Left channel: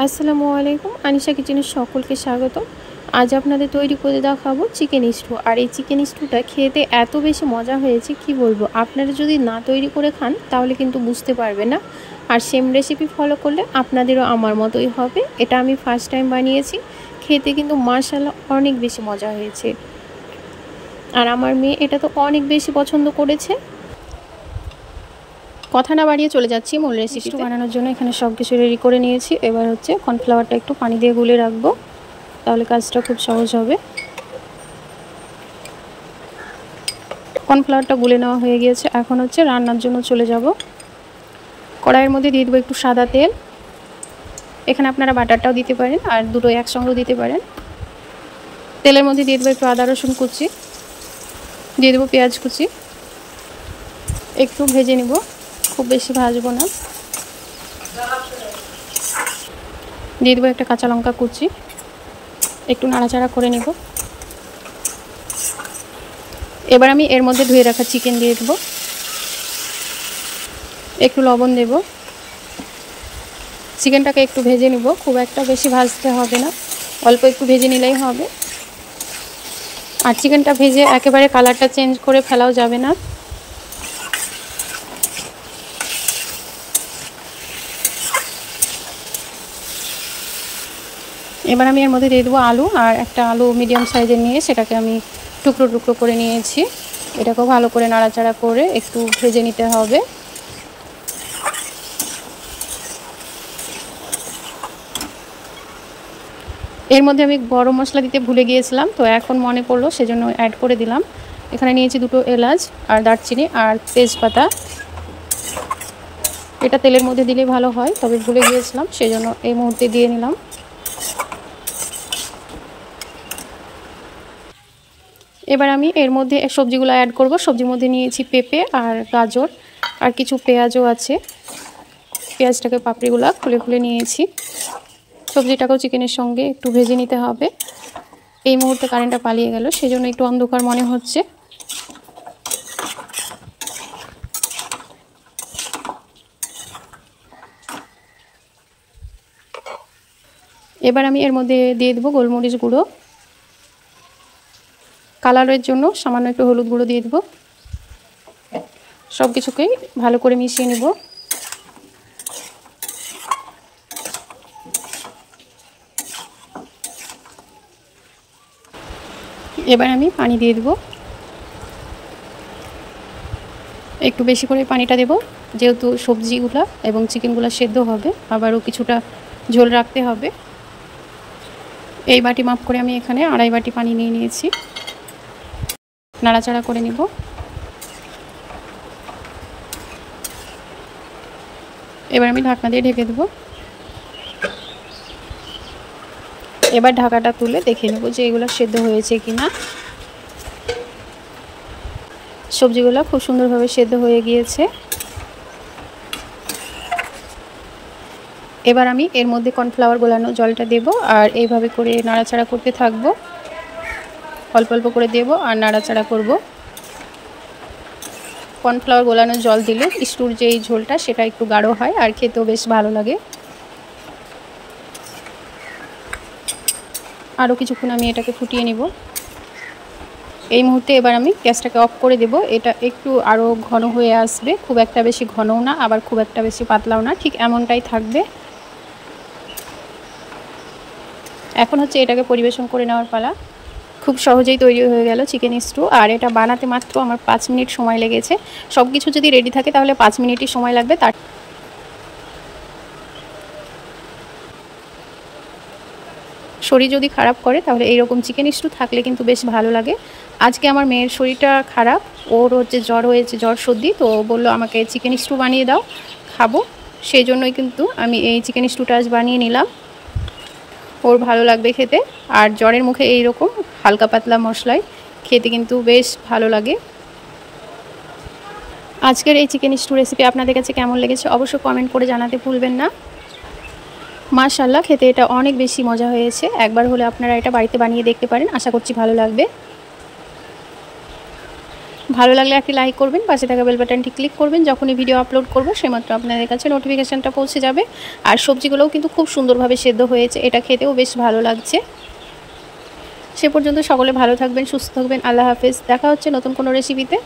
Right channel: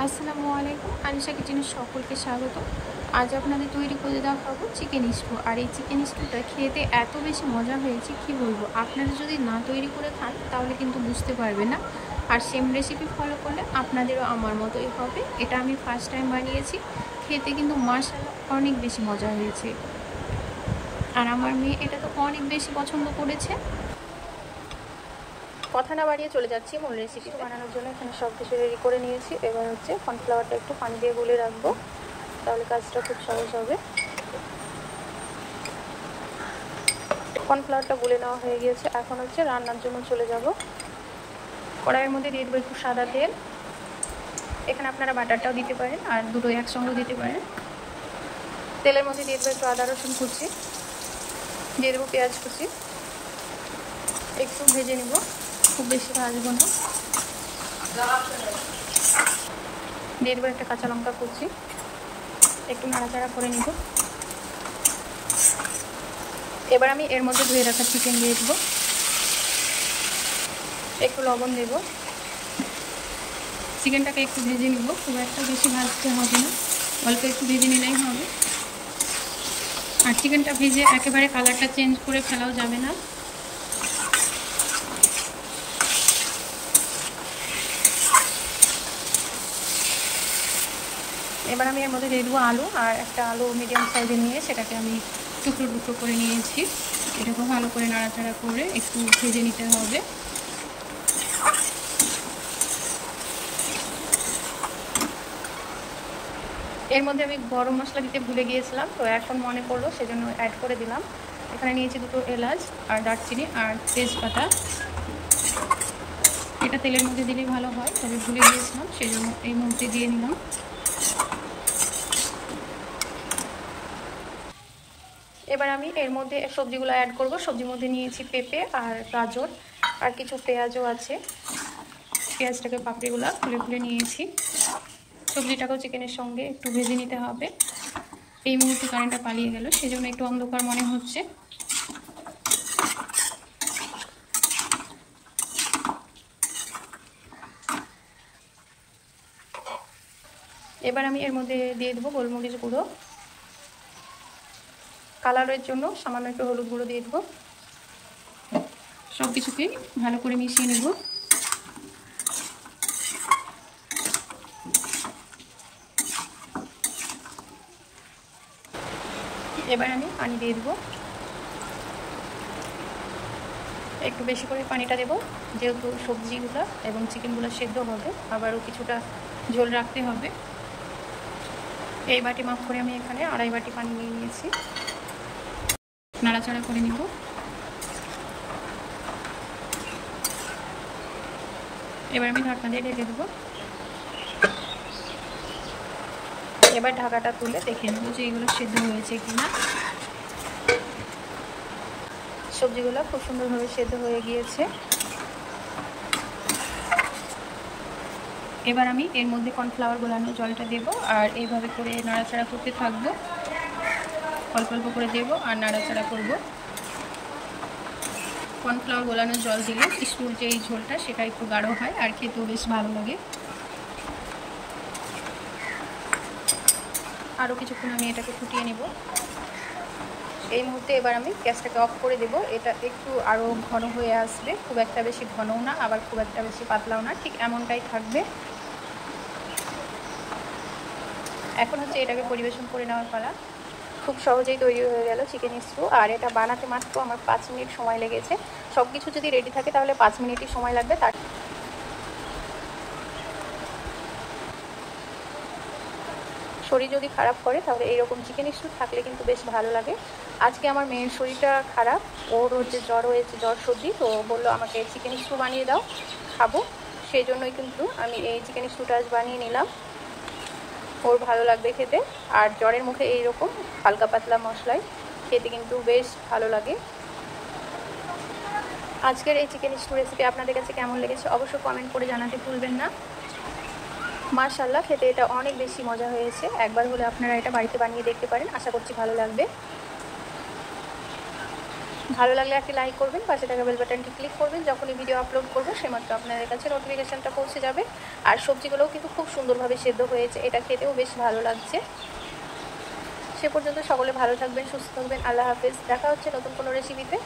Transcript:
আসসালামু আলাইকুম, আনিশা কিচেনে সকলকে স্বাগত। আজ আপনাদের তৈরি করে দেখাবো চিকেন স্টু। আর এই চিকেন স্টুটা খেতে এত বেশি মজা হয়েছে কি বলবো। আপনারা যদি না তৈরি করে খান তাহলে কিন্তু বুঝতে পারবেন না। আর সেম রেসিপি ফলো করলে আপনাদেরও আমার মতোই হবে। এটা আমি ফার্স্ট টাইম বানিয়েছি, খেতে কিন্তু মাশাআল্লাহ অনেক বেশি মজা হয়েছে। আর আমার মেয়ে এটা তো অনেক বেশি পছন্দ করেছে। কথা না বাড়িয়ে চলে যাচ্ছি মূল রেসিপি বানানোর জন্য। এখানে সব কিছু রেডি করে নিয়েছি। এবার হচ্ছে কর্নফ্লাওয়ারটা একটু পানি দিয়ে গুলে রাখবো, তাহলে কাজটা খুব সহজ হবে। কর্নফ্লাওয়ারটা গুলে নেওয়া হয়ে গিয়েছে। এখন হচ্ছে রান্নার জন্য চলে যাব। কড়াইয়ের মধ্যে দিয়ে দেবো একটু সাদা তেল। এখানে আপনারা বাটারটাও দিতে পারেন আর দুটো একসঙ্গেও দিতে পারেন। তেলের মধ্যে দিয়ে দেবো একটু আদা রসুন কুচি, দিয়ে দেবো পেঁয়াজ কুচি, একটু ভেজে নেব, খুব বেশি ভাজবো না। দিয়ে দেবো একটা কাঁচা লঙ্কা কুচি, একটু নাড়াচাড়া করে নেব। এবার আমি এর মধ্যে ধুয়ে রাখা চিকেন দিয়ে দেবো, একটু লবণ দেব। চিকেনটাকে একটু ভেজে নেব, খুব একটা বেশি ভাজতে হবে না, অল্প একটু ভেজে নিলেই হবে। আর চিকেনটা ভেজে একেবারে কালারটা চেঞ্জ করে ফেলাও যাবে না। এবার আমি এর মধ্যে দিয়ে দেবো আলু। আর একটা আলু মিডিয়াম সাইজের নিয়ে সেটাকে আমি টুকরো টুকরো করে নিয়েছি। এটাকেও ভালো করে নাড়াচাড়া করে একটু ভেজে নিতে হবে। এর মধ্যে আমি গরম মশলা দিতে ভুলে গিয়েছিলাম, তো এখন মনে পড়লো সেজন্য অ্যাড করে দিলাম। এখানে নিয়েছি দুটো এলাচ আর দারচিনি আর তেজপাতা। এটা তেলের মধ্যে দিলে ভালো হয়, তবে ভুলে গিয়েছিলাম সেজন্য এই মুহূর্তে দিয়ে নিলাম। এবার আমি এর মধ্যে সবজিগুলো অ্যাড করব। সবজির মধ্যে নিয়েছি পেঁপে আর গাজর আর কিছু পেঁয়াজও আছে। পেঁয়াজটাকে পাপড়িগুলো খুলে খুলে নিয়েছি। সবজিটাকেও চিকেনের সঙ্গে একটু ভেজে নিতে হবে। এই মুহূর্তে কারেন্টটা পালিয়ে গেল, সেজন্য একটু অন্ধকার মনে হচ্ছে। এবার আমি এর মধ্যে দিয়ে দেবো গোলমরিচ গুঁড়ো, কালারের জন্য সামান্য একটু হলুদ গুঁড়ো দিয়ে দেবো। সব কিছুকে ভালো করে মিশিয়ে নেব। এবার আমি পানি দিয়ে দেবো, একটু বেশি করে পানিটা দেব, যেহেতু সবজিগুলো এবং চিকেনগুলো সেদ্ধ হবে, আবারও কিছুটা ঝোল রাখতে হবে। এই বাটি মাপ করে আমি এখানে 2.5 বাটি পানি নিয়ে নিয়েছি। নাড়াচাড়া করে নিব। এবার আমি ঢাকনা দিয়ে ঢেকে দেব। এবার ঢাকাটা তুলে দেখে নেব যে এগুলো সেদ্ধ হয়েছে কিনা। সবজিগুলো খুব সুন্দরভাবে সেদ্ধ হয়ে গিয়েছে। এবার আমি এর মধ্যে কর্নফ্লাওয়ার গোলানো জলটা দেব আর এইভাবে করে নাড়াচাড়া করতে থাকবো। অল্প অল্প করে দেব আর নাড়াচাড়া করব। কর্নফ্লাওয়ার গোলানো জল দিলে স্টুর যে এই ঝোলটা সেটা একটু গাঢ় হয় আর খেতেও বেশ ভালো লাগে। আরও কিছুক্ষণ আমি এটাকে ফুটিয়ে নিব। এই মুহূর্তে এবার আমি গ্যাসটাকে অফ করে দেব। এটা একটু আরও ঘন হয়ে আসবে, খুব একটা বেশি ঘনও না আবার খুব একটা বেশি পাতলাও না, ঠিক এমনটাই থাকবে। এখন হচ্ছে এটাকে পরিবেশন করে নেওয়ার পালা। খুব সহজেই তৈরি হয়ে গেল চিকেন স্টু। আর এটা বানাতে মাত্র আমার 5 মিনিট সময় লেগেছে। সব কিছু যদি রেডি থাকে তাহলে 5 মিনিটই সময় লাগবে। তার শরীর যদি খারাপ করে তাহলে এইরকম চিকেন স্টু থাকলে কিন্তু বেশ ভালো লাগে। আজকে আমার মেয়ের শরীরটা খারাপ, ওর হচ্ছে জ্বর হয়েছে, জ্বর সর্দি, তো বললো আমাকে চিকেন স্টু বানিয়ে দাও, খাবো। সেই জন্যই কিন্তু আমি এই চিকেন স্টুটা আজ বানিয়ে নিলাম। ওর ভালো লাগবে খেতে। আর জ্বরের মুখে এই রকম হালকা পাতলা মশলায় খেতে কিন্তু বেশ ভালো লাগে। আজকের এই চিকেন স্টু রেসিপি আপনাদের কাছে কেমন লেগেছে অবশ্যই কমেন্ট করে জানাতে ভুলবেন না। মাশাআল্লাহ, খেতে এটা অনেক বেশি মজা হয়েছে। একবার হলে আপনারা এটা বাড়িতে বানিয়ে দেখতে পারেন, আশা করছি ভালো লাগবে। ভালো লাগলে একটি লাইক করবেন, পাশে থাকা বেল বাটনটি ক্লিক করবেন। যখনই ভিডিও আপলোড করব সেমাত্র আপনাদের কাছে নোটিফিকেশানটা পৌঁছে যাবে। আর সবজিগুলোও কিন্তু খুব সুন্দরভাবে সেদ্ধ হয়েছে, এটা খেতেও বেশ ভালো লাগছে। সে পর্যন্ত সকলে ভালো থাকবেন, সুস্থ থাকবেন। আল্লাহ হাফেজ। দেখা হচ্ছে নতুন কোনো রেসিপিতে।